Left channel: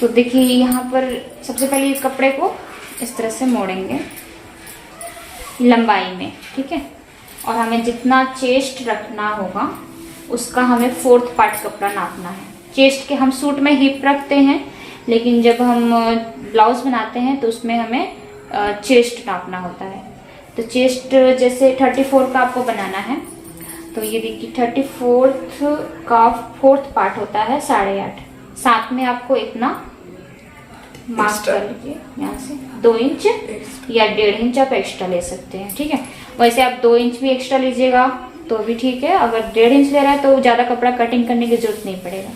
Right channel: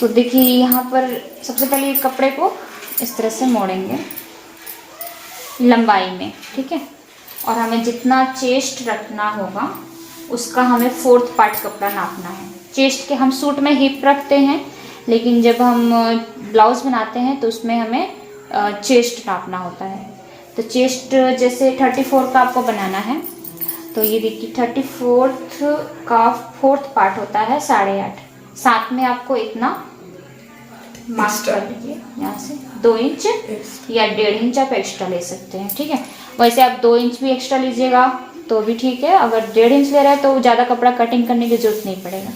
तो देखिए यहाँ पर सबसे पहले कपड़े को इस तरह से मोड़ेंगे लंबाई में, ठीक है। और हमें जितना चेस्ट रखना होगा उसका हमें 4th पार्ट कपड़ा नापना है। चेस्ट के हम सूट में हिप रखते हैं, लेकिन जब हम ब्लाउज बनाते हैं तो उसमें हमें चेस्ट नापना होता है। तो चेस्ट जैसे 34 का आपको बनाना है, तो ये देखिए 34 का 4th पार्ट होता है 8.5। साथ में आपको इतना मार्क कर लीजिए, यहाँ से 2 इंच या 1.5 इंच आप एक्स्ट्रा ले सकते हैं, ठीक है। वैसे आप 2 इंच भी एक्स्ट्रा लीजिएगा तो भी ठीक है। अगर 1.5 इंच ले रहा है तो ज़्यादा कपड़ा कटिंग करने की जरूरत नहीं पड़ेगा।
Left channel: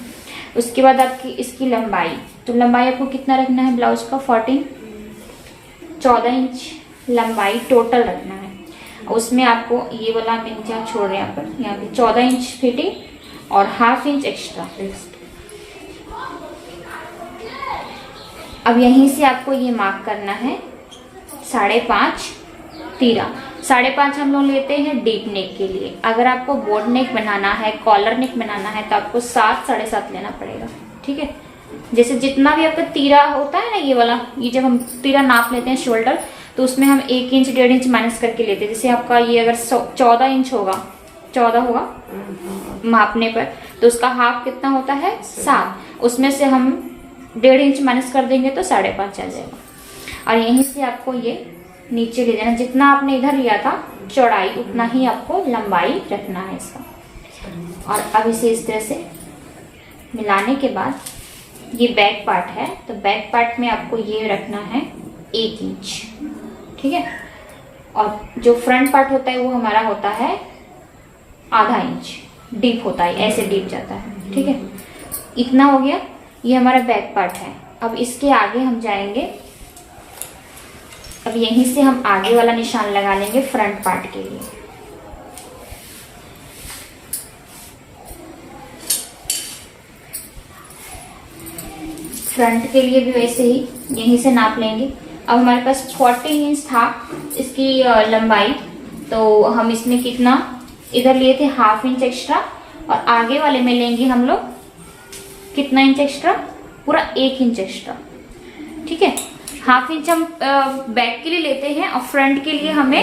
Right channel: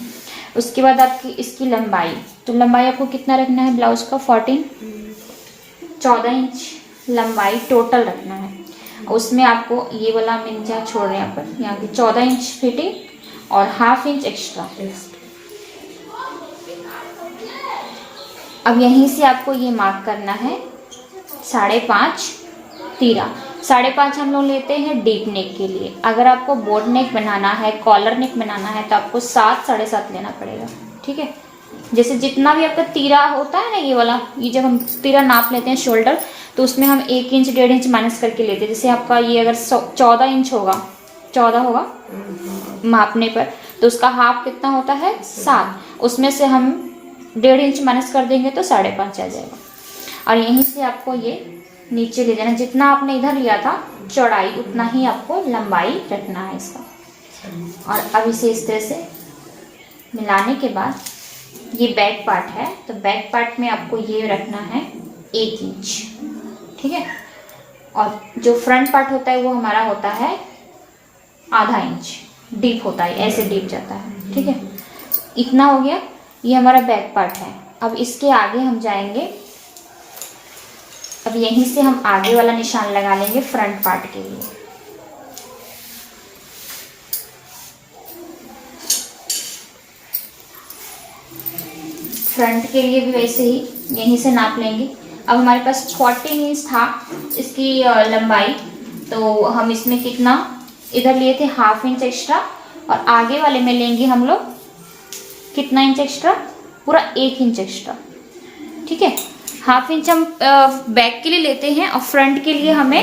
उसके बाद आपकी इसकी लंबाई, तो लंबाई आपको कितना रखना है ब्लाउज का 14 इंच लंबाई टोटल रखना है। उसमें आपको ये वाला हम इंच छोड़ रहे हैं यहाँ पे 14 इंच फिटिंग और 1/2 इंच एक्स्ट्रा। अब यहीं से आपको ये मार्क करना है 5.5 तीरा। 5.5 हम लोग लेते हैं डीप नेक के लिए। अगर आपको बोट नेक बनाना है, कॉलर नेक बनाना है तो आपको 7 7.5 लेना पड़ेगा, ठीक है। जैसे जितना भी आपका तीरा होता है ना, ये वाला, ये जब हम तीरा नाप लेते हैं शोल्डर, तो उसमें हम 1 इंच 1.5 इंच माइनस करके लेते हैं। जैसे आपका ये अगर 14 इंच होगा, 14 होगा मापने पर, तो उसका हाफ कितना होता है 7। उसमें से हम 1.5 इंच माइनस कर देंगे तो 5.5 आ जाएगा। और यहीं से आपको ये नीचे ले जाना, जितना आपने इधर लिया था चौड़ाई उतना ही आपको लंबाई रखना है इसका। और अब इसे इस तरह से मिलाने के बाद ये बैक पार्ट है, तो बैक पार्ट में आपको ये रखना है 1 इंच, ठीक है। और जो फ्रंट पार्ट होता है वो हमारा होता है 1/2 इंच डीप होता है, ऐसे डीप जाता है, ठीक है। इतना हो गया, ये हमारा बैक पार्ट है। अब इसके आगे हम जाएंगे, अब यहीं से हम आगे वाला निशान लगा लेंगे फ्रंट पार्ट के लिए। फ्रंट के लिए भी वैसे ही यहीं से नाप लेंगे। अब हमारे पास 14 इंच था इसकी लंबाई, तो हम इसमें कितना इधर लिए थे 1/2 इंच एक्स्ट्रा, और आगे वाले में लेंगे हम लोग कितना इंच एक्स्ट्रा, पूरा 1 इंच एक्स्ट्रा, ठीक है। 1/2 इंच हम बैक के लिए लेते हैं और फ्रंट के लिए हमें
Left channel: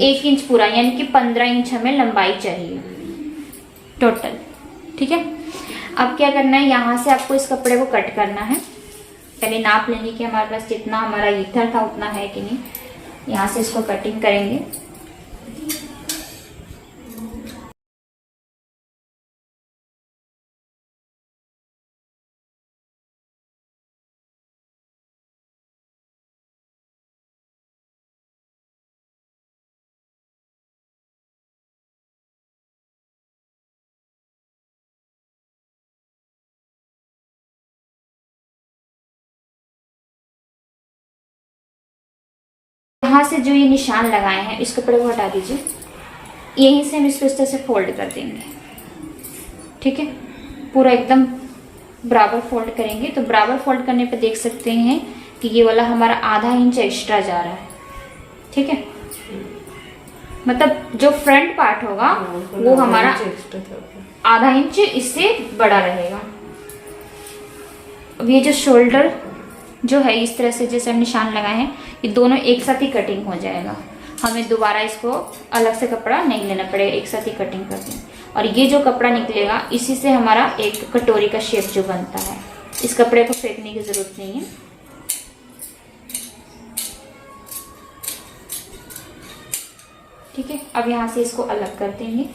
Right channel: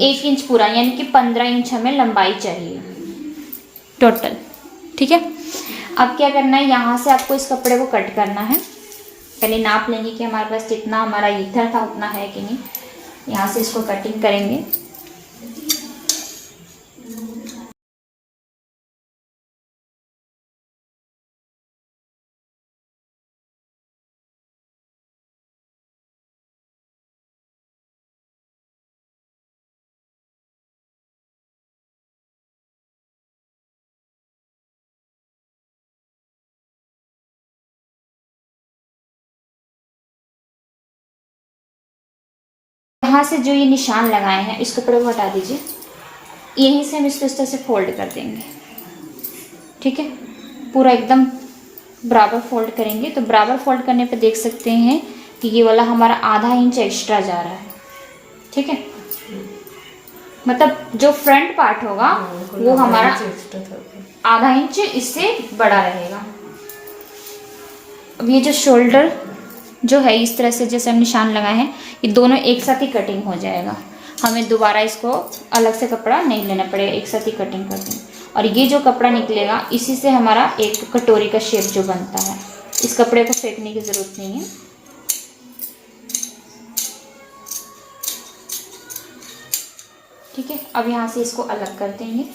1 इंच पूरा, यानी कि 15 इंच हमें लंबाई चाहिए टोटल, ठीक है। अब क्या करना है, यहाँ से आपको इस कपड़े को कट करना है। पहले नाप लेंगे कि हमारे पास जितना हमारा इधर था उतना है कि नहीं। यहाँ से इसको कटिंग करेंगे। यहाँ से जो ये निशान लगाए हैं इस कपड़े को हटा दीजिए। यहीं से हम इसको इस तरह से फोल्ड कर देंगे, ठीक है। पूरा एकदम बराबर फोल्ड करेंगे। तो बराबर फोल्ड करने पे देख सकते हैं कि ये वाला हमारा 1/2 इंच एक्स्ट्रा जा रहा है, ठीक है। मतलब जो फ्रंट पार्ट होगा वो हमारा 1/2 इंच इससे बड़ा रहेगा। अब ये जो शोल्डर जो है इस तरह से जैसे निशान लगाए हैं, ये दोनों एक साथ ही कटिंग हो जाएगा। हमें दोबारा इसको अलग से कपड़ा नहीं लेना पड़ेगा, एक साथ ही कटिंग कर देंगे। और ये जो कपड़ा निकलेगा इसी से हमारा एक कटोरी का शेप जो बनता है। इस कपड़े को फेंकने की जरूरत नहीं है। ठीक है, अब यहाँ से इसको अलग कर देंगे।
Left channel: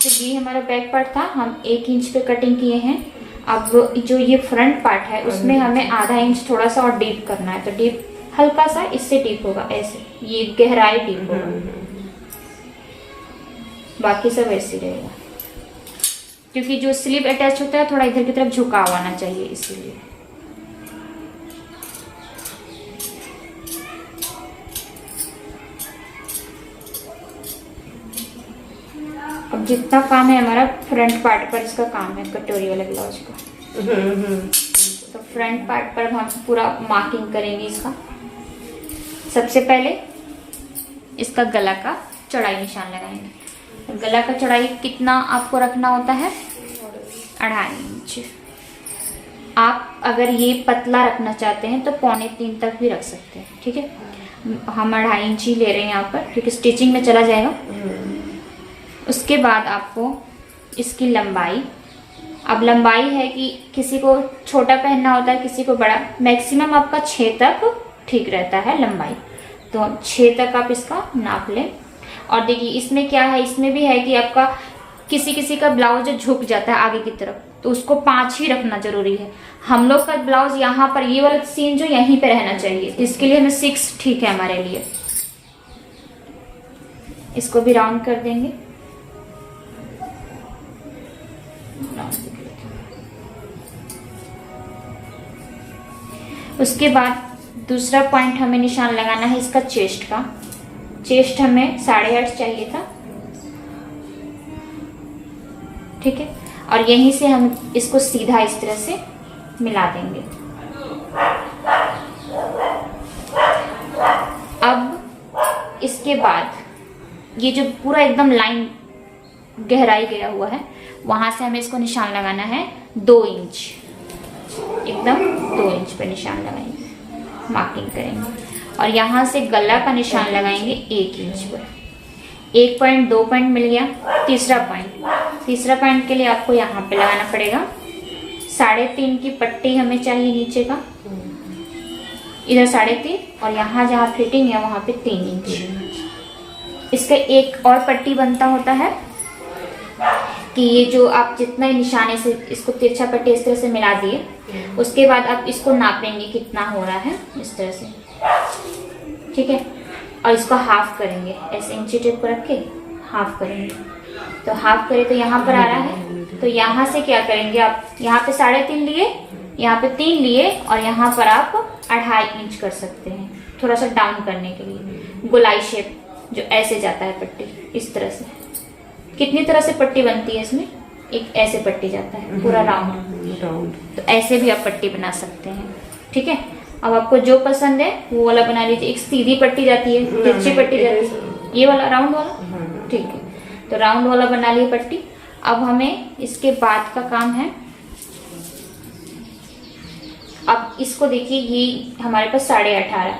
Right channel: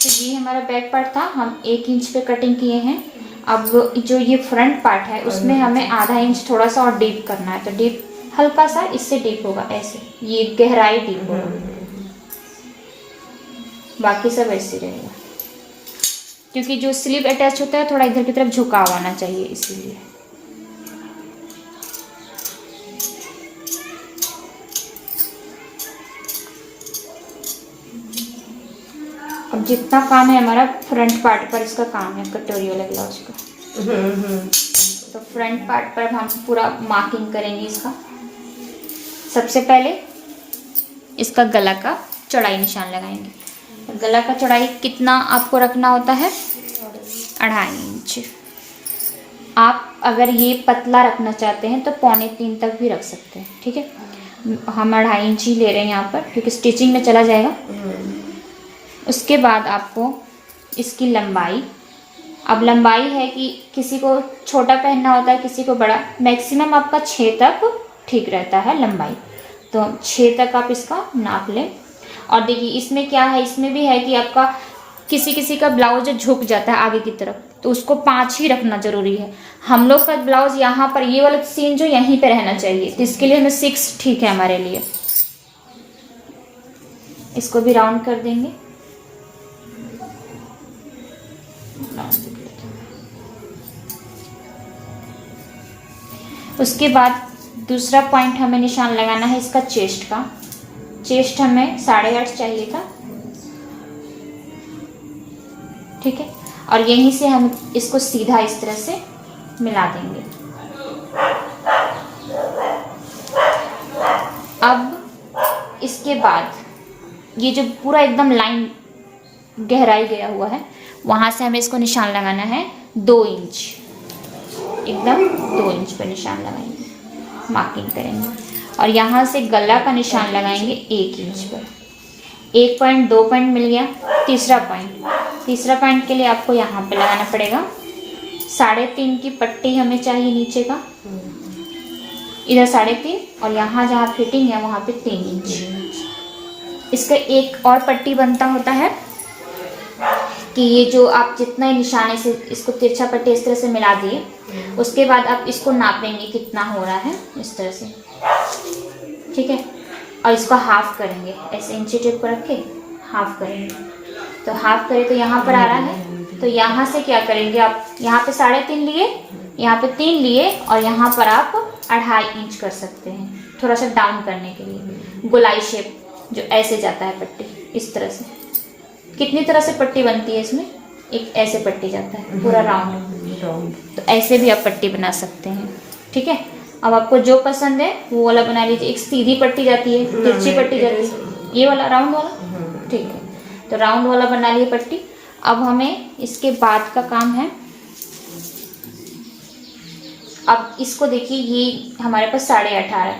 तो ये हमारा बैक पार्ट था, हम 1 इंच पे कटिंग किए हैं। अब जो ये फ्रंट पार्ट है उसमें हमें 1/2 इंच थोड़ा सा और डीप करना है। तो डीप हल्का सा इससे डीप होगा, ऐसे ये गहराई डीप होगा, बाकी सब ऐसे रहेगा। क्योंकि जो स्लीव अटैच होता है थोड़ा इधर की तरफ झुकाव आना चाहिए, इसीलिए। अब जितना काम है हमारा फ्रंट पार्ट पर, इसका काम है कटोरी वाला ब्लाउज का। तो फ्रंट पार्ट पर हम पूरा मार्किंग करेंगे इसका। सबसे पहले इसका गला का चौड़ाई निशान लगाएंगे। गला का चौड़ाई कितना आपको रखना होता है? 2.5 इंच। आप अगर ये पतला रखना चाहते हैं तो 2.25 तक भी रख सकते हैं, ठीक है। हम 2.5 इंच ही ले रहे हैं यहाँ पर क्योंकि स्टिचिंग में चला जाएगा। उसके बाद आपको इसकी लंबाई, अब लंबाई है कि किसी को छोटा पहनना होता है, किसी को बड़ा, मैक्सिमम आपका 6 तक ठीक रहता है लंबाई, तो 6 तक आप इसका नाप लें। और देखिए इसमें क्या है, इसमें भी है कि आपका किसी किसी का ब्लाउज झुक जाता है आगे की तरफ, तो उसको 5 ही रखना जरूरी है। हम लोग का ब्लाउज यहाँ पर ये वाला सीन जो यहीं पे रहना चाहिए, इसके लिए हमें 6 ठीक है हमारे लिए। इसको भी राउंड कर देंगे। उसके बाद दूसरा पॉइंट हमें निशान लगाना है इसका चेस्ट का। चेस्ट हमें 8.5 चाहिए था, ठीक है। और यहीं से हम इसको सीधा इस तरह से मिला देंगे। अब इसके बाद ये जो पूरा एकदम लाइन गहराई गया हुआ है, वहां से हमें इसको निशान लगाना है 2 इंच, एकदम 2 इंच पर निशान लगाएंगे, मार्किंग करेंगे। और यहाँ से गला का निशान लगाएंगे 1 इंच पर। 1 पॉइंट, 2 पॉइंट मिल गया। तीसरा पॉइंट के लिए आपको यहाँ पे लगाना पड़ेगा 3.5 की पट्टी हमें चाहिए नीचे का, इधर 3.5 और यहाँ जहाँ फिटिंग है वहाँ पे 3 इंच। इसका एक और पट्टी बनता होता है कि ये जो आप जितना निशाने से इसको तिरछा पट्टी इस तरह से मिला दिए, उसके बाद आप इसको नापेंगे कितना हो रहा है इस तरह से, ठीक है। और इसको हाफ करेंगे, ऐसे इंची टेप को रख के हाफ करेंगे। तो हाफ करें तो यहाँ पर आ रहा है, तो यहाँ से क्या करेंगे आप, यहाँ पे 3.5 लिए, यहाँ पे 3 लिए और यहाँ पर आप 2.5 इंच कर सकते हैं, थोड़ा सा डाउन करने के लिए। गोलाई शेप जो ऐसे जाता है पट्टी इस तरह से। कितनी तरह से पट्टी बनती है इसमें, एक ऐसे पट्टी जाता है पूरा राउंड, तो ऐसे भी आप पट्टी बना सकते हैं, ठीक है। अब आपको जो पसंद है वो वाला बना लीजिए। एक सीधी पट्टी जाती है, तिरछी पट्टी जाती है, ये वाला राउंड वाला, ठीक है। तो राउंड वाला बना लिए पट्टी। अब हमें इसके बाद का काम है, अब इसको देखिए ये हमारे पास 18.5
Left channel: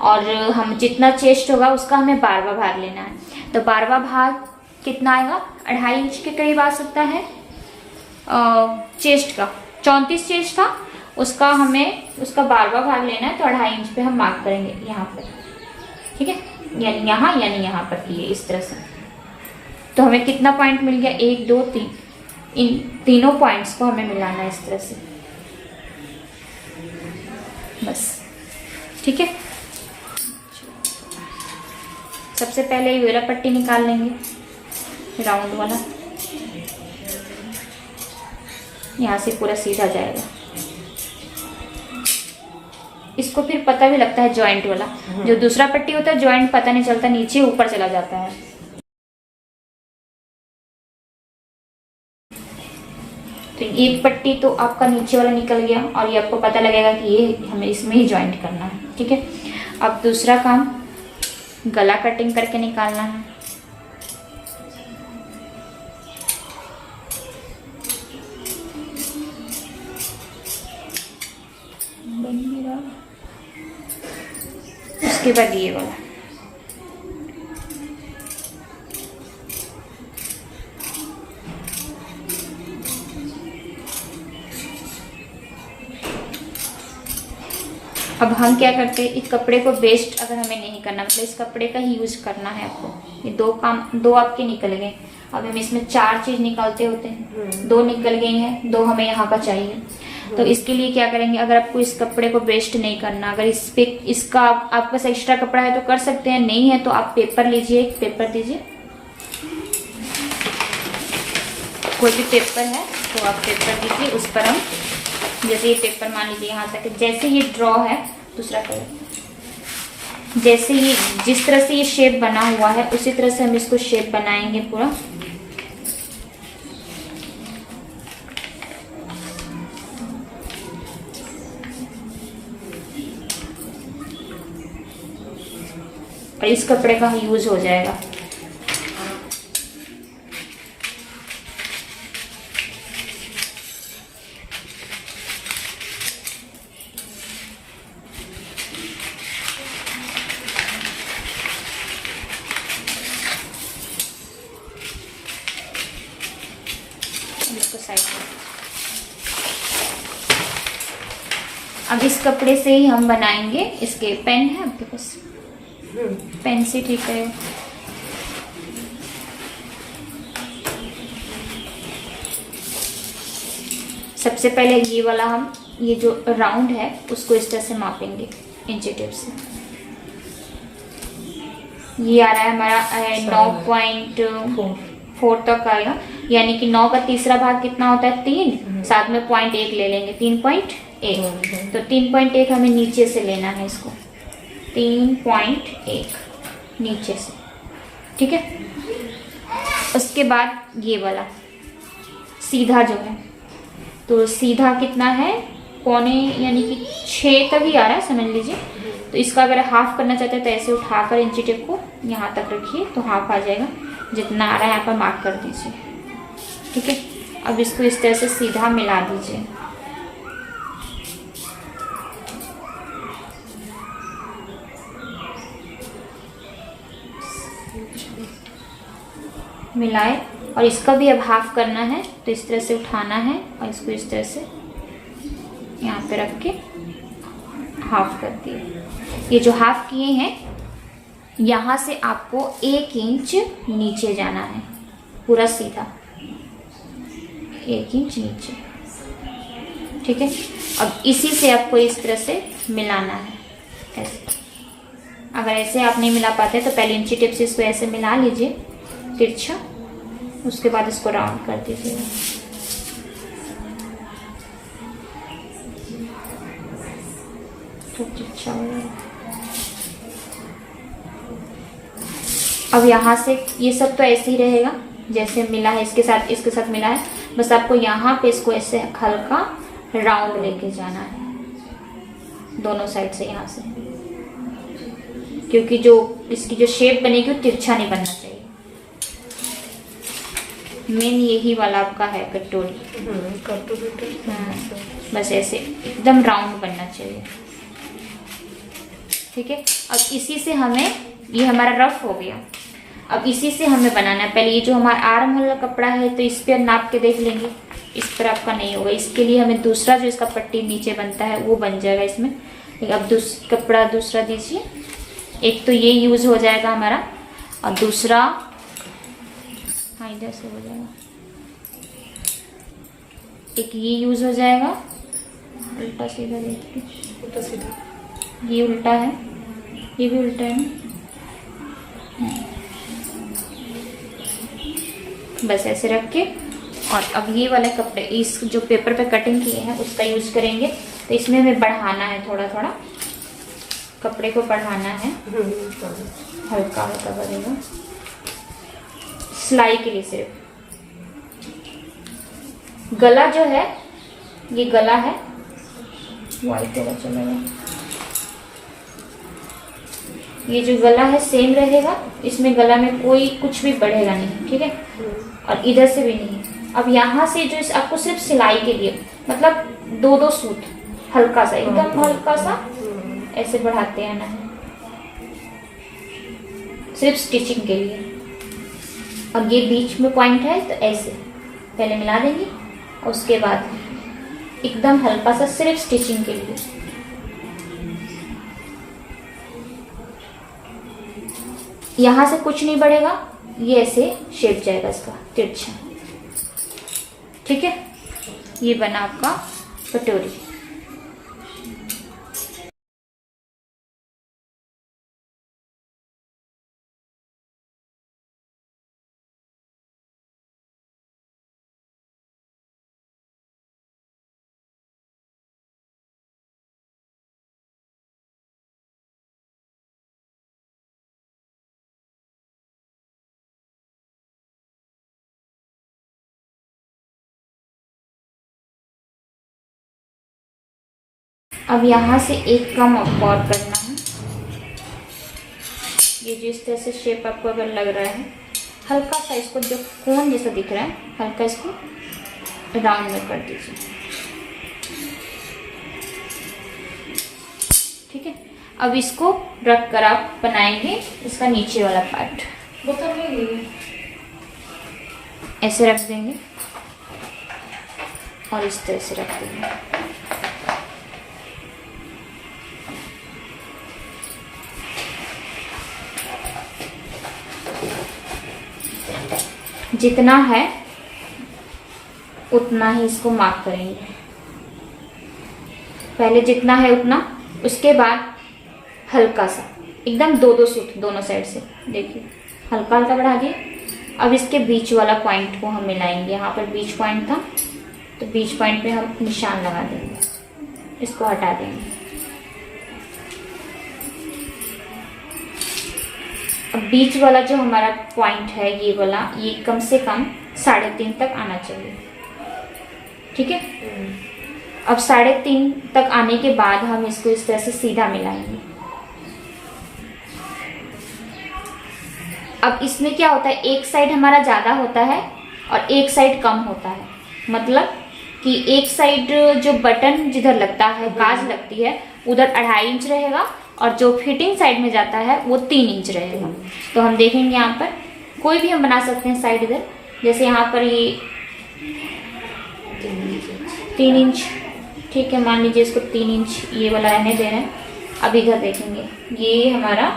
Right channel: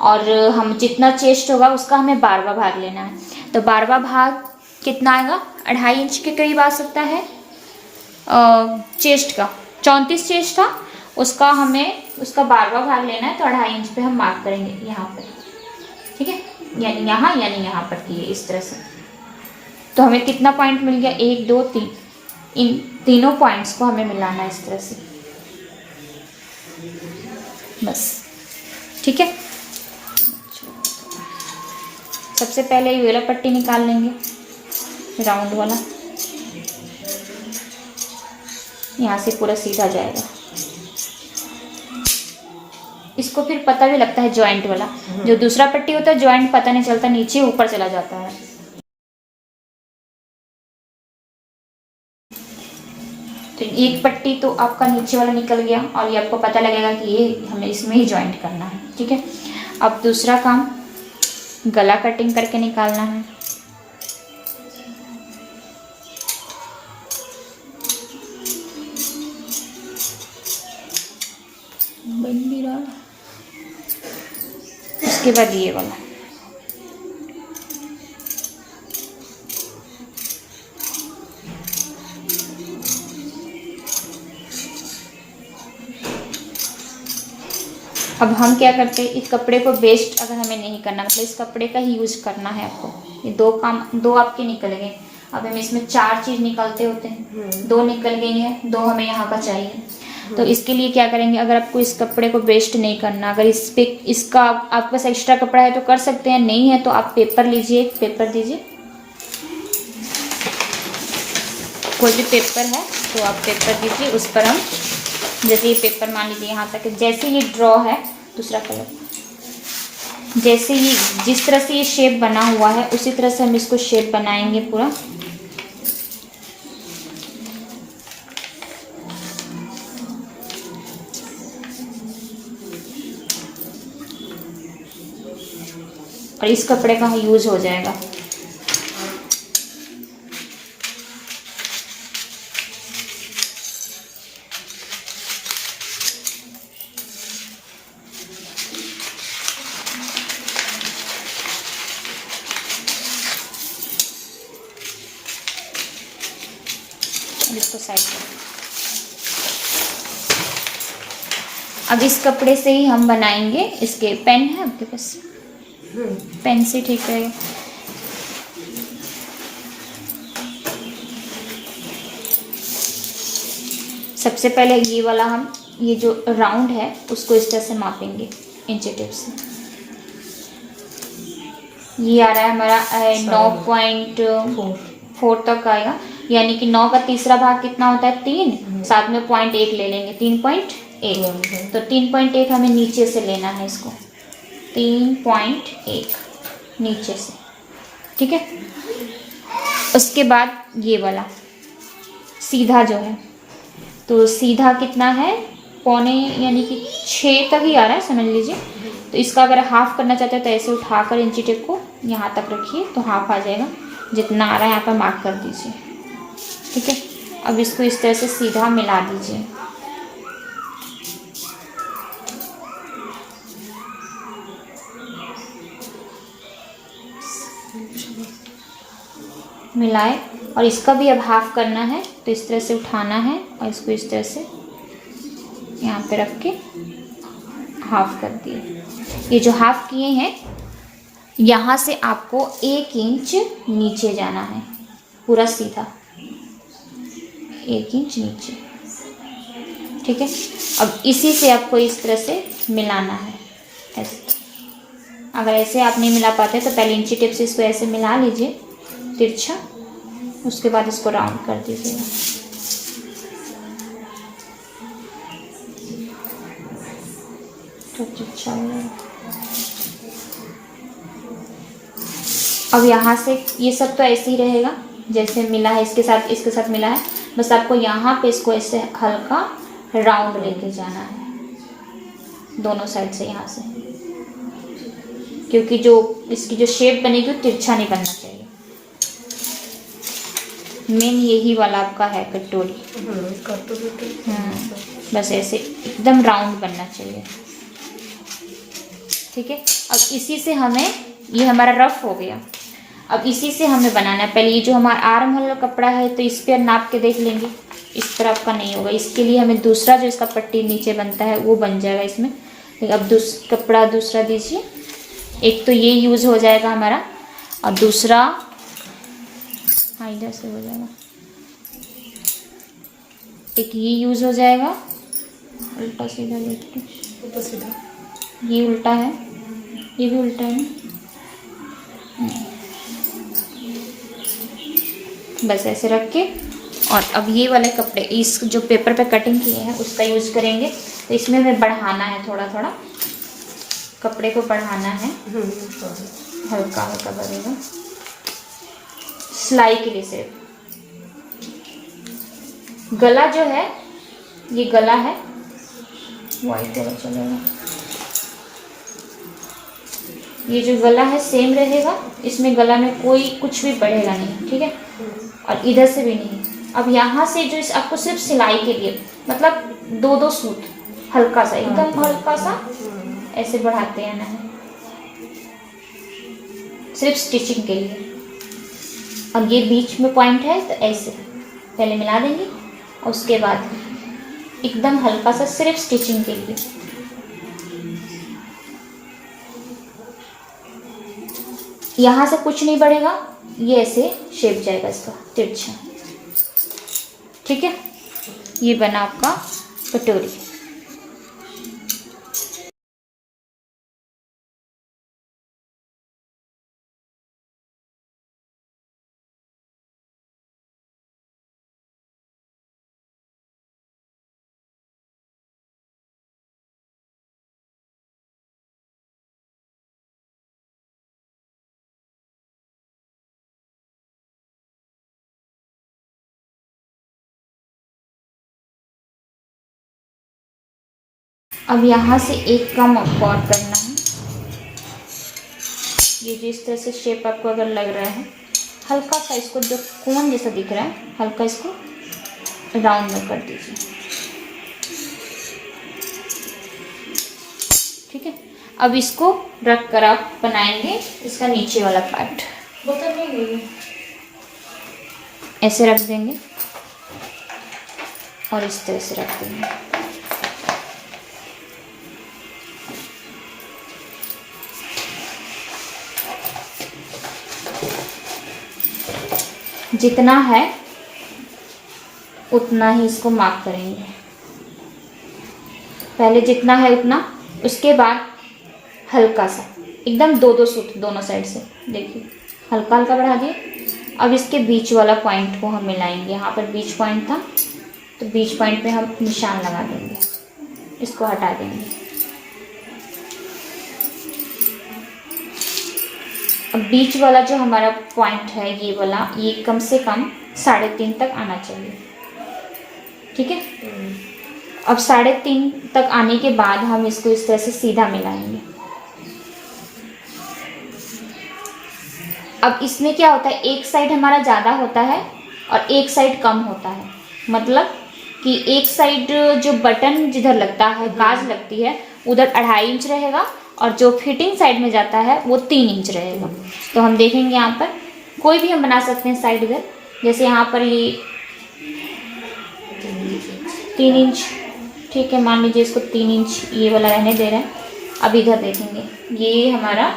और हम जितना चेस्ट होगा उसका हमें 12वां भाग लेना है। तो 12वां भाग कितना आएगा, 2.5 इंच के करीब आ सकता है चेस्ट का। 34 चेस्ट था, उसका हमें उसका 12वां भाग लेना है, तो 2.5 इंच पे हम मार्क करेंगे यहाँ पर, ठीक है। यानी यहाँ पर किए इस तरह से। तो हमें कितना पॉइंट मिल गया, 1 2 3, इन तीनों पॉइंट्स को हमें मिलाना है इस तरह से, बस, ठीक है। सबसे पहले ये वाला पट्टी निकाल लेंगे, राउंड वाला, यहाँ से पूरा सीधा जाएगा। इसको फिर पता भी लगता है जॉइंट वाला, जो दूसरा पट्टी होता है जॉइंट पता नहीं चलता, नीचे ऊपर चला जाता है। तो एक पट्टी तो आपका नीचे वाला निकल गया और ये आपको पता लगेगा कि ये हमें इसमें ही जॉइंट करना है, ठीक है। अब दूसरा काम गला कटिंग करके निकालना है। उसके बाद ये वाला, अब हम क्या करते हैं, इस कपड़े को वेस्ट अगर हमें नहीं करना, मतलब इस कपड़े का ही यूज करना है आपको। ये दो आपके निकल गए। अब हम इसमें 4 चीज निकालते होते हैं, 2 निकल गई हैं, 2 हमें यहाँ का चाहिए। तो इसके लिए क्या करेंगे, अगर आपको इस कपड़े को वेस्ट नहीं करना, अगर इस पे इसका आपके पास एक्स्ट्रा कपड़ा है तो कर सकते हैं, नहीं है तो आप पेपर लीजिए, एक पेपर दीजिए, कोई भी पेपर है तो आप पेपर दीजिए। उस पर हम जैसे ये पेपर मान लीजिए यहाँ तक, जैसे ये ड्रॉ है दूसरा कलर, जैसे ये जिस तरह से ये शेप बना हुआ है उसी तरह से हम इसको शेप बनाएंगे पूरा। और इस कपड़े का यूज हो जाएगा। इसको साइड में। अब इस कपड़े से ही हम बनाएंगे इसके। पेन है आपके पास? पेन से ठीक है। सबसे पहले ये वाला हम ये जो राउंड है उसको इस तरह से मापेंगे इंची टेप से। ये आ रहा है हमारा 9.4 तक आएगा, यानी कि 9 का तीसरा भाग कितना होता है? 3, साथ में 0.1 ले लेंगे, 3.1। तो 3.1 हमें नीचे से लेना है इसको, 3.1 नीचे से, ठीक है। उसके बाद ये वाला सीधा जो है, तो सीधा कितना है? पौने यानी कि 6 तक ही आ रहा है, समझ लीजिए। तो इसका अगर हाफ करना चाहते हैं तो ऐसे उठाकर इंची टेप को यहाँ तक रखिए तो हाफ आ जाएगा। जितना आ रहा है यहाँ पर मार्क कर दीजिए, ठीक है। अब इसको इस तरह से सीधा मिला दीजिए। मिलाए, और इसका भी अब हाफ करना है तो इस तरह से उठाना है और इसको इस तरह से यहाँ पे रख के हाफ कर दिए। ये जो हाफ किए हैं यहाँ से आपको 1 इंच नीचे जाना है, पूरा सीधा 1 इंच नीचे, ठीक है। अब इसी से आपको इस तरह से मिलाना है, ऐसे। अगर ऐसे आप नहीं मिला पाते तो पहले इंची टेप से इसको ऐसे मिला लीजिए तिरछा, उसके बाद इसको राउंड कर दीजिए। तो तिरछा हो जाएगा। अब यहाँ से ये सब तो ऐसे ही रहेगा जैसे मिला है, इसके साथ मिला है। बस आपको यहाँ पे इसको ऐसे हल्का राउंड लेके जाना है दोनों साइड से, यहाँ से, क्योंकि जो इसकी जो शेप बनेगी वो तिरछा नहीं बनना चाहिए। मेन यही वाला आपका है कटोरी। बस ऐसे एकदम राउंड बनना चाहिए, ठीक है। अब इसी से हमें, ये हमारा रफ हो गया, अब इसी से हमें बनाना है। पहले ये जो हमारा आर्म वाला कपड़ा है तो इस पर नाप के देख लेंगे, इस तरह आपका नहीं होगा। इसके लिए हमें दूसरा जो इसका पट्टी नीचे बनता है वो बन जाएगा इसमें। लेकिन अब कपड़ा दूसरा दीजिए। एक तो ये यूज़ हो जाएगा हमारा, और दूसरा इधर से हो जाएगा, एक ये यूज़ हो जाएगा। उल्टा सीधा देखते, उल्टा सीधा, ये उल्टा है, ये भी उल्टा है। बस ऐसे रख के, और अब ये वाले कपड़े इस जो पेपर पे कटिंग किए हैं उसका यूज़ करेंगे। तो इसमें हमें बढ़ाना है, थोड़ा थोड़ा कपड़े को बढ़ाना है, हल्का हल्का बढ़ेगा सिलाई के लिए। सिर्फ गला जो है, ये गला है, वाइट वाला चलेगा। ये जो गला है सेम रहेगा, इसमें गला में कोई कुछ भी बढ़ेगा नहीं, ठीक है। और इधर से भी नहीं। अब यहाँ से जो आपको सिर्फ सिलाई के लिए, मतलब 2-2 सूत हल्का सा, एकदम हल्का सा ऐसे बढ़ाते हैं ना, सिर्फ स्टिचिंग के लिए। और ये बीच में पॉइंट है तो ऐसे पहले मिला देंगे, और उसके बाद एकदम हल्का सा सिर्फ स्टिचिंग के लिए। यहाँ से कुछ नहीं बढ़ेगा, ये ऐसे शेप जाएगा इसका तिरछा, ठीक है। ये बना आपका कटोरी। अब यहाँ से एक कम और करना है। ये जो इस तरह से शेप आपको अगर लग रहा है, हल्का सा इसको जो कोन जैसा दिख रहा है, हल्का इसको राउंड में कर दीजिए, ठीक है। अब इसको रख कर आप बनाएंगे इसका नीचे वाला पार्ट। ऐसे रख देंगे, और इस तरह से रख देंगे। जितना है उतना ही इसको मार्क करेंगे, पहले जितना है उतना, उसके बाद हल्का सा एकदम 2-2 सूत दोनों साइड से, देखिए हल्का हल्का बढ़ा दिए। अब इसके बीच वाला पॉइंट को हम मिलाएंगे, यहाँ पर बीच पॉइंट था तो बीच पॉइंट पे हम निशान लगा देंगे, इसको हटा देंगे। अब बीच वाला जो हमारा पॉइंट है ये वाला, ये कम से कम 3.5 तक आना चाहिए, ठीक है। अब 3.5 तक आने के बाद हम इसको इस तरह से सीधा मिलाएंगे। अब इसमें क्या होता है, एक साइड हमारा ज़्यादा होता है और एक साइड कम होता है, मतलब कि एक साइड जो बटन जिधर लगता है, काज लगती है, उधर 2.5 इंच रहेगा और जो फिटिंग साइड में जाता है वो 3 इंच रहेगा। तो हम देखेंगे यहाँ पर कोई भी हम बना सकते हैं साइड इधर, जैसे यहाँ पर ये 3 इंच, ठीक है, मान लीजिए इसको 3 इंच ये वाला रहने दे रहे हैं। अब इधर देखेंगे ये हमारा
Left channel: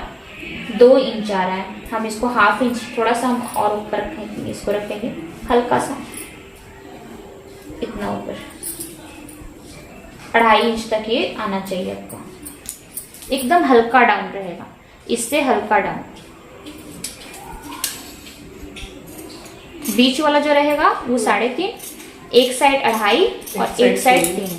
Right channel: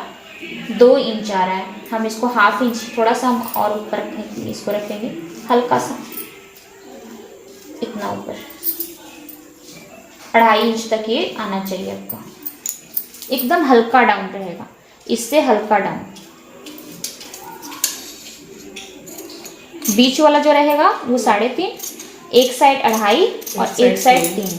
2 इंच आ रहा है, हम इसको 1/2 इंच थोड़ा सा हम और ऊपर रखेंगे, इसको रखेंगे हल्का सा इतना ऊपर, 2.5 इंच तक ये आना चाहिए आपको, एकदम हल्का डाउन रहेगा, इससे हल्का डाउन। बीच वाला जो रहेगा वो 3.5, एक साइड 2.5 और एक साइड 3।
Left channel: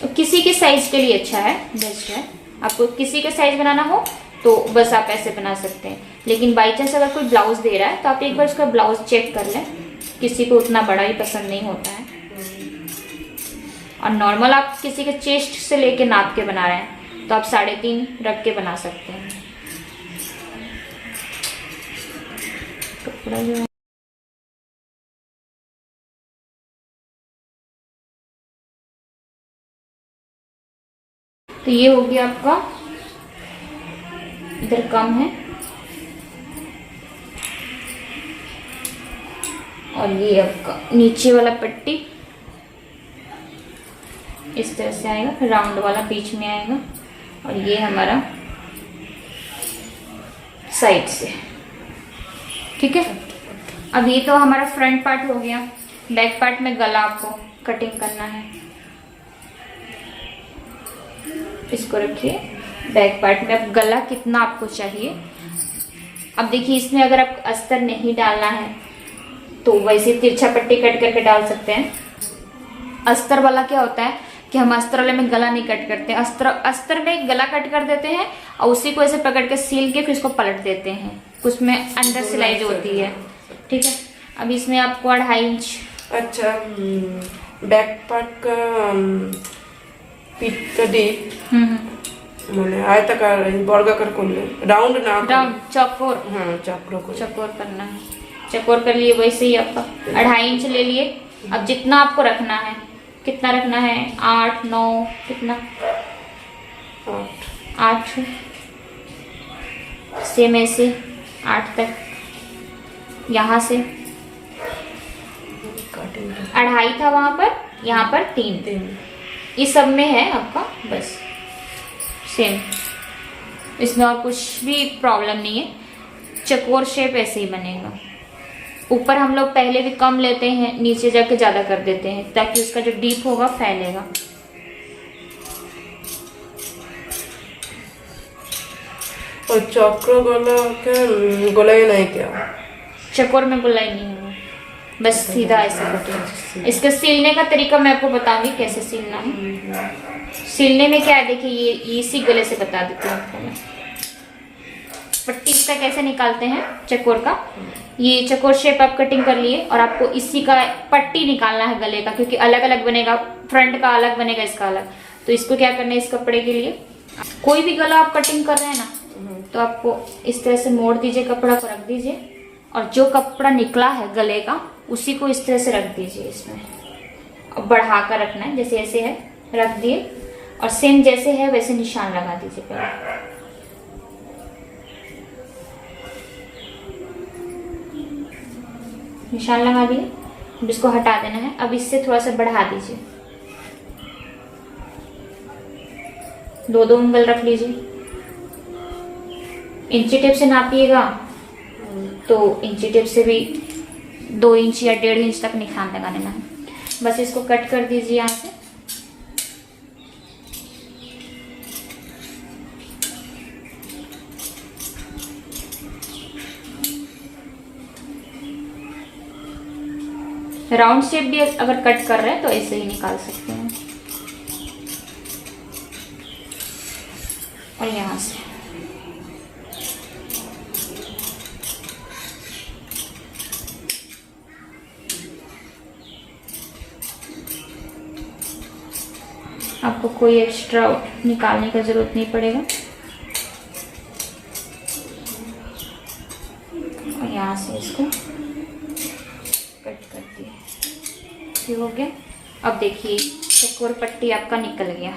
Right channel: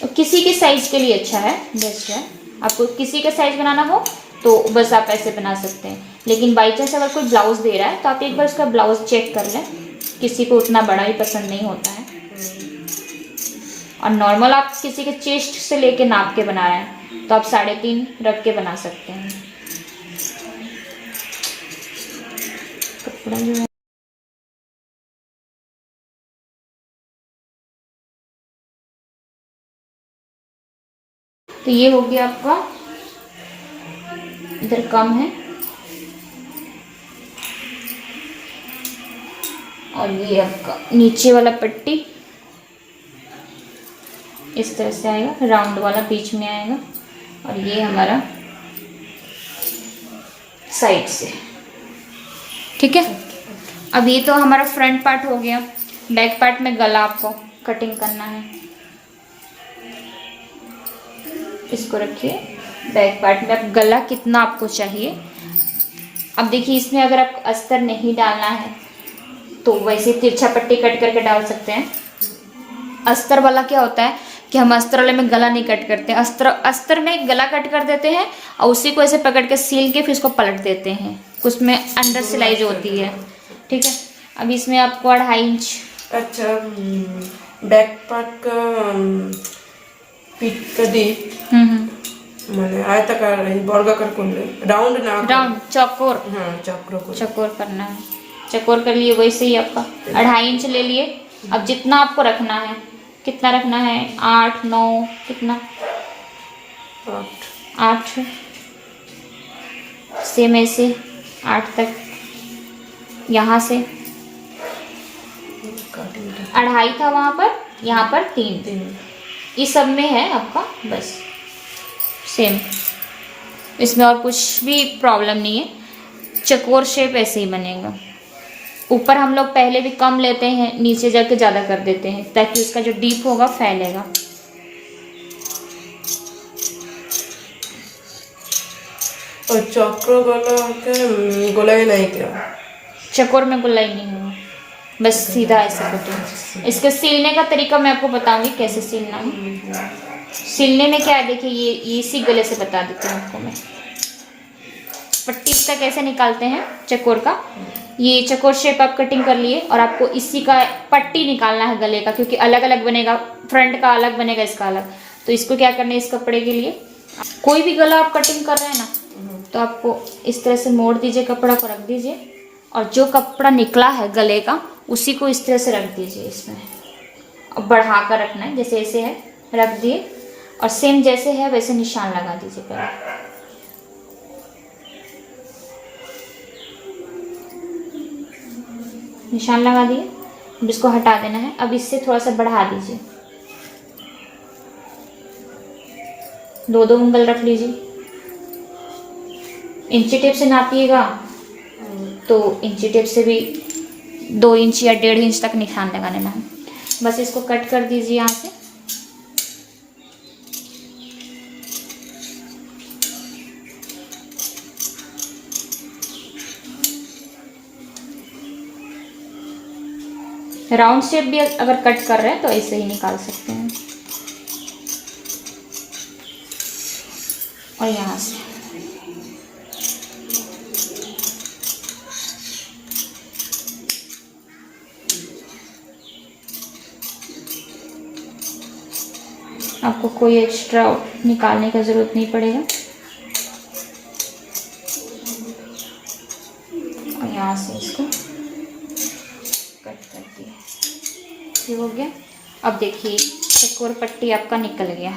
तो किसी के साइज के लिए अच्छा है, बेस्ट है। आपको किसी के साइज बनाना हो तो बस आप ऐसे बना सकते हैं, लेकिन बाई चांस अगर कोई ब्लाउज दे रहा है तो आप एक बार उसका ब्लाउज चेक कर लें, किसी को उतना बड़ा ही पसंद नहीं होता है। और नॉर्मल आप किसी के चेस्ट से लेके नाप के बना रहे हैं तो आप 3.5 रख के बना सकते हैं। कपड़ा जो है तो ये हो गया आपका, इधर कम है और ये आपका नीचे वाला पट्टी इस तरह से आएगा, राउंड वाला बीच में आएगा और ये हमारा साइड से, ठीक है। अब ये तो हमारा फ्रंट पार्ट हो गया। बैक पार्ट में गला आपको कटिंग करना है, इसको रखिए। बैक पार्ट में अब गला कितना आपको चाहिए, अब देखिए इसमें अगर आप अस्तर नहीं डालना है तो वैसे तिरछा पट्टी कट करके डाल सकते हैं। अस्तर वाला क्या होता है कि हम अस्तर वाले में गला नहीं कट करते, अस्तर में गला कट कर देते हैं और उसी को ऐसे पकड़ के सील के फिर इसको पलट देते हैं, उसमें अंडर सिलाई जो होती है, ठीक है। अब इसमें आपको 2.5 इंच। अच्छा, बैक पार्ट का पीठ का डीप মানে आयताकार वर्गाकार করলে राउंड ना, राउंड चौकोर, हाँ चौकोर करना है। चौकोर कर लिए, वैसे ही आपका 2.5 इंच ले लिए। अब जितना आपको रखना है, कितना रखना है, 8 9 कितना 8 सेम ऐसे 8 तक, यहाँ से 2.5 था वहाँ पर, यहाँ पर 3, इस सब में है आपका, बस सेम, इसमें और कुछ भी प्रॉब्लम नहीं है। चकोर शेप ऐसे ही बनेगा। ऊपर हम लोग पहले भी कम लेते हैं, नीचे जाके ज़्यादा कर देते हैं ताकि उसका जो डीप होगा फैलेगा। और चक्र गला के गोलाई नहीं क्या, चकोर में गोलाई नहीं होगा, बस सीधा ऐसा कटिंग। इसके सिलने का तरीका मैं आपको बताऊंगी कैसे सिलना है। सिलने में क्या है, देखिए ये इसी गले से बता देती हूँ आपको मैं। पट्टी इसका कैसे निकालते हैं चकोर का, ये चकोर शेप आप कटिंग कर लिए और आपको इसी का पट्टी निकालना है गले का, क्योंकि अलग अलग बनेगा, फ्रंट का अलग बनेगा, इसका अलग। तो इसको क्या करना है, इस कपड़े के लिए कोई भी गला आप कटिंग कर रहे हैं ना, तो आपको इस तरह से मोड़ दीजिए, कपड़ा को रख दीजिए और जो कपड़ा निकला है गले का उसी को इस तरह से रख दीजिए इसमें, और बढ़ा कर रखना है, जैसे ऐसे है रख दिए और सेम जैसे है वैसे निशान लगा दीजिए पहले। निशान लगा दिए, अब इसको हटा देना है। अब इससे थोड़ा सा बढ़ा दीजिए, 2-2 उंगल रख लीजिए। इंची टेप से नापिएगा तो इंची टेप से भी 2 इंच या 1.5 इंच तक निशान लगा लेना है। बस इसको कट कर दीजिए यहाँ से। राउंड शेप भी अगर कट कर रहे हैं तो ऐसे ही निकाल सकते हैं। और यहाँ से आपको कोई एक्स्ट्रा निकालने की ज़रूरत नहीं पड़ेगा। और यहाँ से इसको कट कर दिया, ठीक हो गया। अब देखिए एक और पट्टी आपका निकल गया।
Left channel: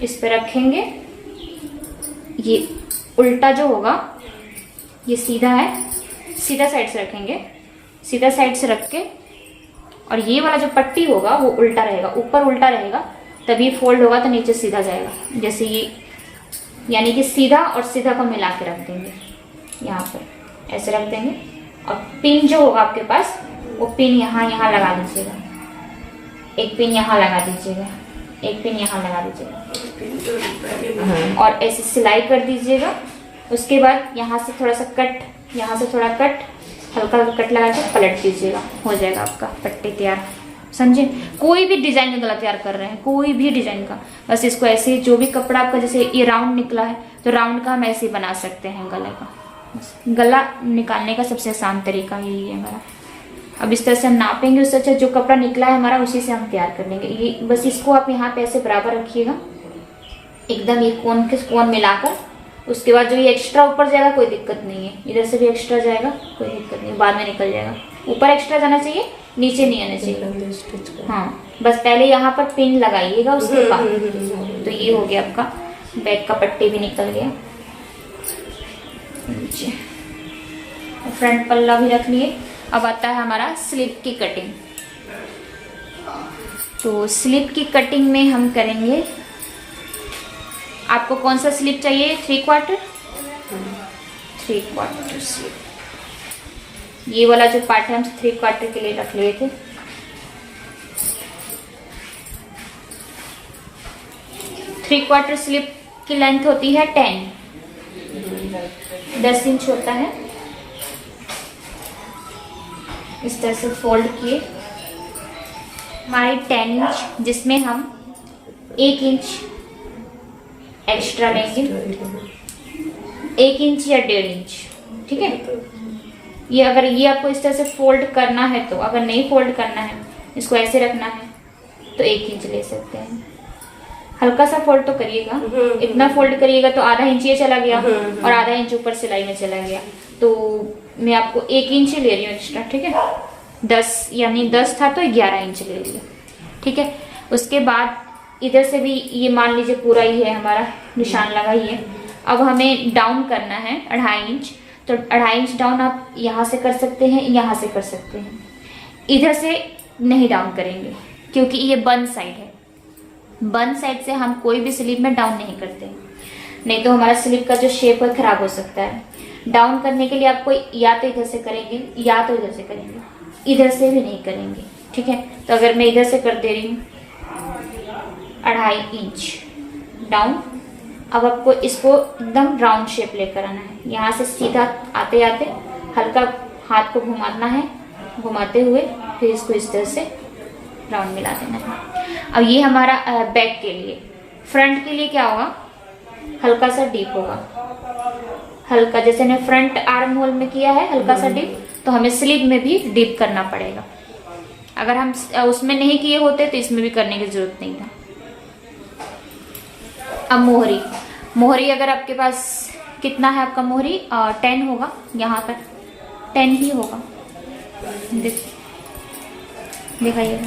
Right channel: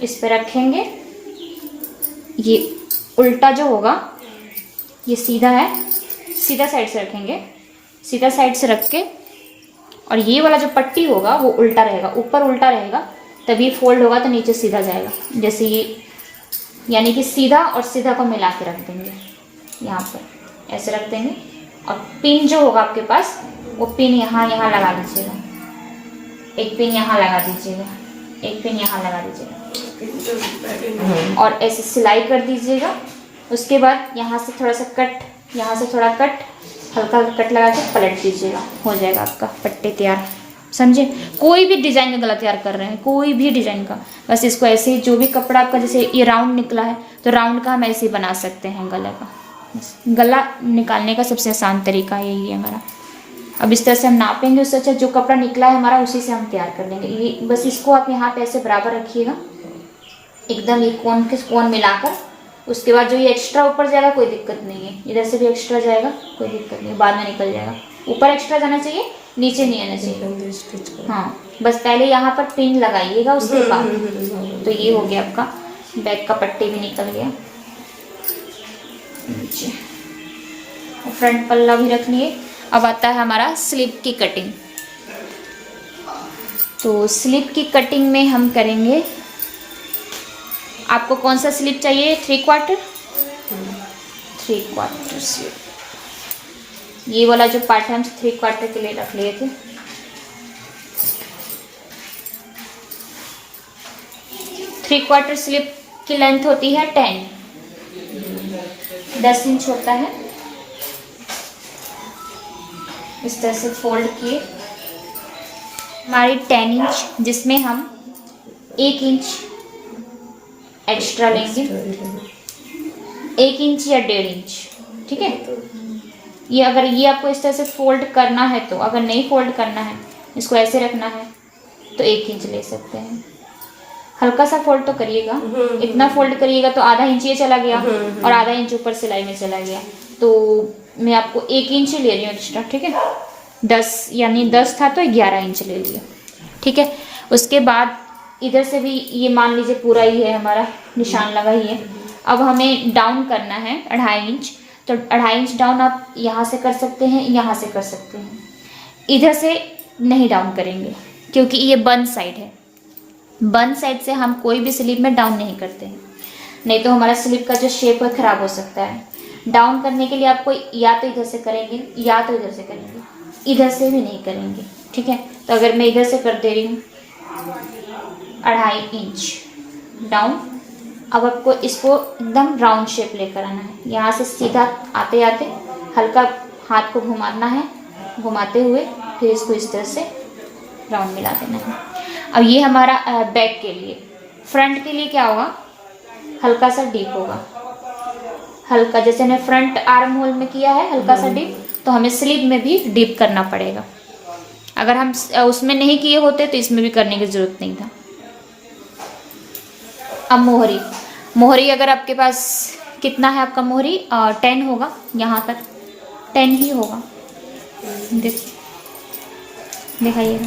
इस पर रखेंगे, ये उल्टा जो होगा ये सीधा है, सीधा साइड से रखेंगे, सीधा साइड से रख के, और ये वाला जो पट्टी होगा वो उल्टा रहेगा, ऊपर उल्टा रहेगा, तभी फोल्ड होगा तो नीचे सीधा जाएगा। जैसे ये, यानी कि सीधा और सीधा को मिला के रख देंगे, यहाँ पर ऐसे रख देंगे। और पिन जो होगा आपके पास वो पिन यहाँ लगा दीजिएगा, एक पिन यहाँ लगा दीजिएगा, एक पिन यहाँ लगा दीजिएगा और ऐसे सिलाई कर दीजिएगा। उसके बाद यहाँ से थोड़ा सा कट, यहाँ से थोड़ा कट, हल्का कट लगा के पलट दीजिएगा, हो जाएगा आपका पट्टी तैयार। समझे? कोई भी डिजाइन में गला तैयार कर रहे हैं, कोई भी डिजाइन का, बस इसको ऐसे जो भी कपड़ा आपका, जैसे ये राउंड निकला है तो राउंड का हम ऐसे ही बना सकते हैं गले का। गला निकालने का सबसे आसान तरीका यही है हमारा। अब इस तरह से हम नापेंगे, उससे अच्छा जो कपड़ा निकला है हमारा उसी से हम तैयार कर लेंगे। ये बस इसको आप यहाँ पे ऐसे बराबर रखिएगा, एकदम ये कोन के कोन मिलाकर। उसके बाद जो ये एक्स्ट्रा ऊपर जाएगा कोई दिक्कत नहीं है, इधर से भी एक्स्ट्रा जाएगा कोई दिक्कत नहीं, बाद में निकल जाएगा। ऊपर एक्स्ट्रा जाना चाहिए, नीचे नहीं आना चाहिए। हाँ, बस पहले यहाँ पर पिन लगाइएगा, उसके बाद तो ये हो गया आपका बैक का पट्टी भी निकल गया। नीचे फ्रंट पल्ला भी रख लिए। अब आता है हमारा स्लीव की कटिंग। तो स्लीव की कटिंग में हम करेंगे, आपको कौन सा स्लीव चाहिए? 3/4 स्लीव। ये वाला जो पार्ट है हम 3/4 के लिए रख लिए थे। थ्री क्वार्टर स्लीव की लेंथ होती है 10 इंच होता है। इस तरह से फोल्ड किए, हमारी 10 इंच, जिसमें हम 1 इंच एक्स्ट्रा लेंगे, 1 इंच या 1.5 इंच, ठीक है। ये अगर ये आपको इस तरह से फोल्ड करना है तो, अगर नहीं फोल्ड करना है, इसको ऐसे रखना है तो 1 इंच ले सकते हैं। हल्का सा फोल्ड तो करिएगा, इतना फोल्ड करिएगा तो आधा इंच ये चला गया और आधा इंच ऊपर सिलाई में चला गया। तो मैं आपको 1 इंच ही ले रही हूँ एक्स्ट्रा, ठीक है। 10 यानी 10 था तो 11 इंच ले लिया, ठीक है। उसके बाद इधर से भी ये मान लीजिए पूरा ही है हमारा, निशान लगा ही है। अब हमें डाउन करना है 2.5 इंच, तो 2.5 इंच डाउन आप यहाँ से कर सकते हैं, यहाँ से कर सकते हैं। इधर से नहीं डाउन करेंगे क्योंकि ये बंद साइड है, बंद साइड से हम कोई भी स्लीव में डाउन नहीं करते हैं, नहीं तो हमारा स्लीव का जो शेप है खराब हो सकता है। डाउन करने के लिए आपको या तो इधर से करेंगे या तो इधर से करेंगे, इधर से भी नहीं करेंगे, ठीक है। तो अगर मैं इधर से कर दे रही हूँ 2.5 इंच डाउन, अब आपको इसको एकदम राउंड शेप लेकर आना है। यहाँ से सीधा आते आते हल्का हाथ को घुमाना है, घुमाते हुए फिर इसको इस तरह से राउंड मिला देना है। अब ये हमारा बैक के लिए। फ्रंट के लिए क्या होगा, हल्का सा डीप होगा, हल्का, जैसे मैं फ्रंट आर्म होल में किया है हल्का सा डीप, तो हमें स्लीव में भी डीप करना पड़ेगा। अगर हम उसमें नहीं किए होते तो इसमें भी करने की जरूरत नहीं था। अब मोहरी, मोहरी अगर आपके पास कितना है आपका मोहरी, 10 होगा, यहाँ तक 10 ही होगा। दिखाइए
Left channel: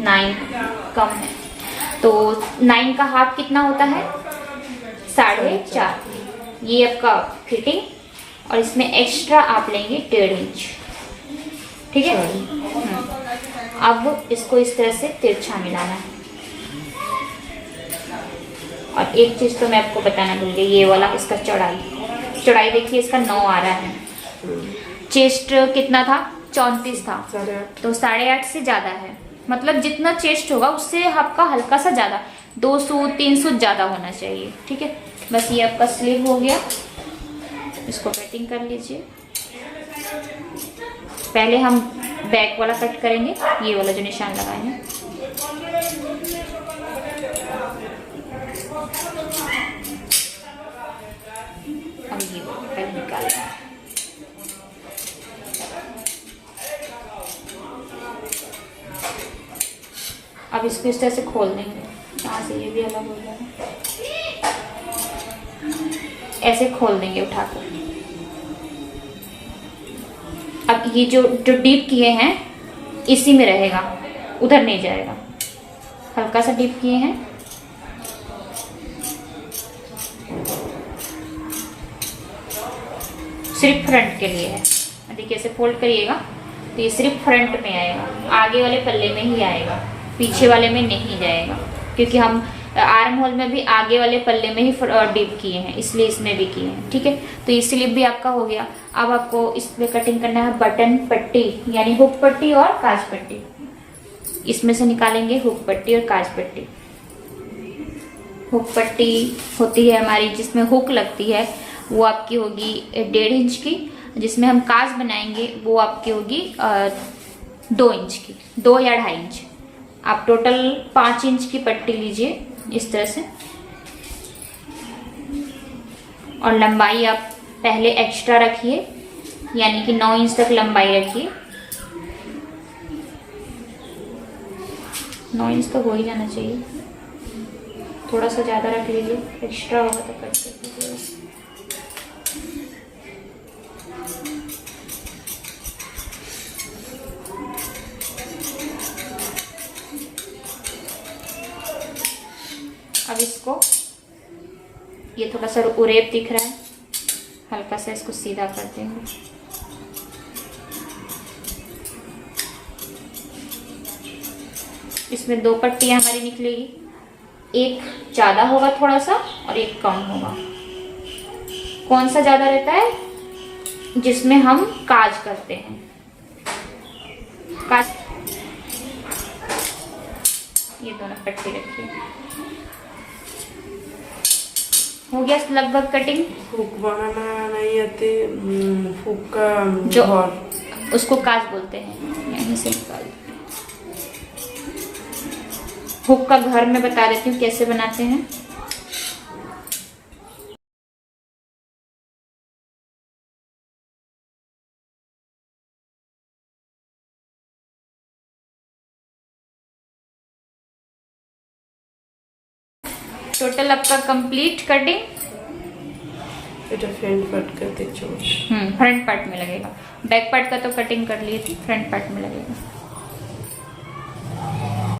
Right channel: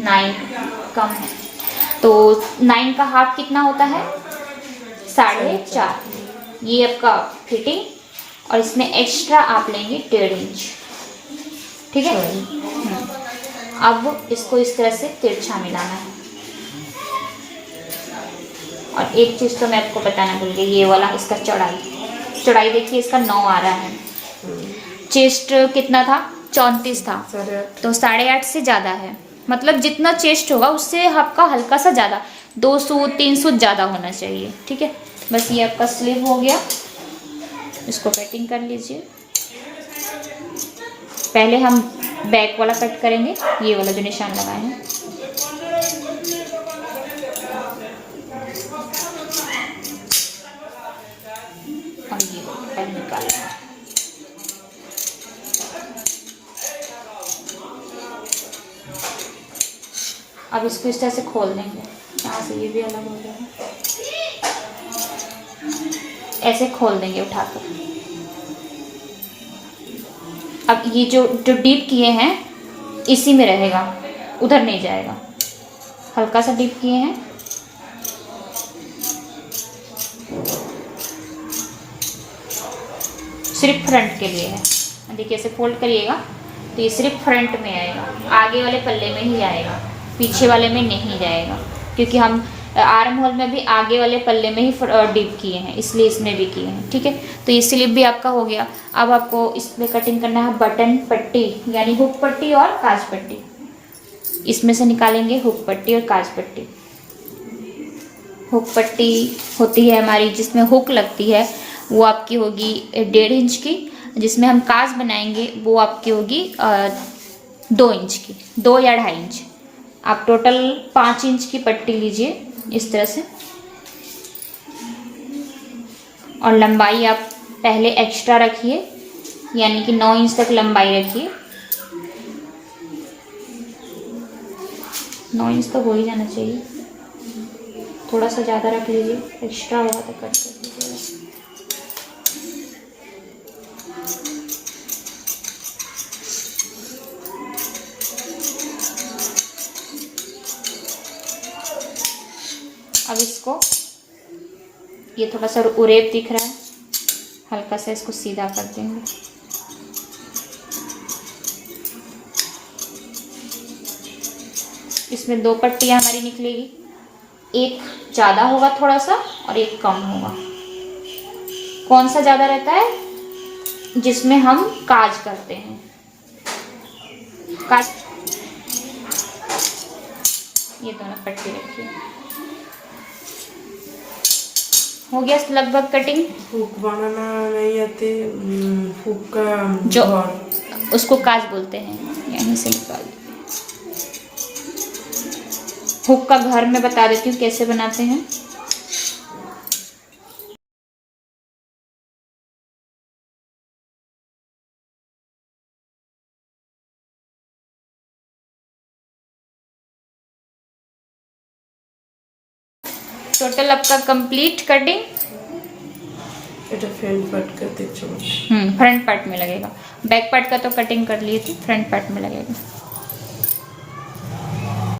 9 कम है, तो 9 का हाफ कितना होता है, 4.5। ये आपका फिटिंग और इसमें एक्स्ट्रा आप लेंगे 1.5 इंच। ठीक है। अब इसको इस तरह से तिरछा मिलाना है। और एक चीज़ तो मैं आपको बताना भूल गई, ये वाला इसका चौड़ाई देखिए, इसका 9 आ रहा है। चेस्ट कितना था? 34 था, 8.5। तो 8.5 से ज़्यादा है। मतलब जितना चेस्ट होगा उससे आपका हल्का सा ज़्यादा, 2 सूत 3 सूत ज़्यादा होना चाहिए। ठीक है। बस ये आपका स्लीव हो गया। इसको कटिंग कर लीजिए। पहले हम बैक वाला कट करेंगे, ये वाला जो निशान लगाए हैं। और ये कट निकालना है। अब इसको इस तरह से खोल देंगे। यहाँ से ये भी अलग हो जाएगा। ऐसे खोल देंगे उठाकर। अब ये जो डीप किए हैं इसी में रहेगा, उधर नहीं जाएगा। हल्का सा डीप किए हैं। सिर्फ फ्रंट के लिए है। देखिए ऐसे फोल्ड करिएगा तो ये सिर्फ फ्रंट में आएगा, आगे वाले पल्ले में ही आएगा, पीछे वाले में नहीं जाएगा। क्योंकि हम आर्म होल में भी आगे वाले पल्ले में ही डीप किए हैं, इसलिए इसमें भी किए हैं। ठीक है। तो ये स्लीव भी आपका हो गया। अब आपको इसमें कटिंग करना है बटन पट्टी, यानी हुक पट्टी और काज पट्टी। इसमें से निकालेंगे हुक पट्टी और काज पट्टी। हुक पट्टी होती है हमारी, जिसमें हुक लगती है, वो आपकी होगी 1.5 इंच की। जिसमें हम काज बनाएंगे वो आपकी होगी 2 इंच की, 2 या 2.5 इंच। आप टोटल 5 इंच की पट्टी लीजिए इस तरह से। और लंबाई आप पहले एक्स्ट्रा रखिए, यानी कि 9 इंच तक लंबाई रखिए। 9 इंच तो हो ही जाना चाहिए, थोड़ा सा ज़्यादा रख लीजिए, एक्स्ट्रा होगा तो कट कर लीजिए। अब इसको, ये थोड़ा सा उरेब दिख रहा है, हल्का सा इसको सीधा कर देंगे। इसमें 2 पट्टियाँ हमारी निकलेगी, एक ज़्यादा होगा थोड़ा सा और एक कम होगा। कौन सा ज़्यादा रहता है? जिसमें हम काज करते हैं। काज, ये दोनों पट्टी रखिए। हो गया लगभग कटिंग। हुक बनाना नहीं आती, हुक का जो घर, उसको काज बोलते हैं, यहीं से निकाल। हुक का घर मैं बता देती हूँ कैसे बनाते हैं। टोटल आपका कंप्लीट कटिंग এটা फ्रंट पार्ट करते चलो। फ्रंट पार्ट में लगेगा, बैक पार्ट का तो कटिंग कर लिए थे, फ्रंट पार्ट में लगेगा।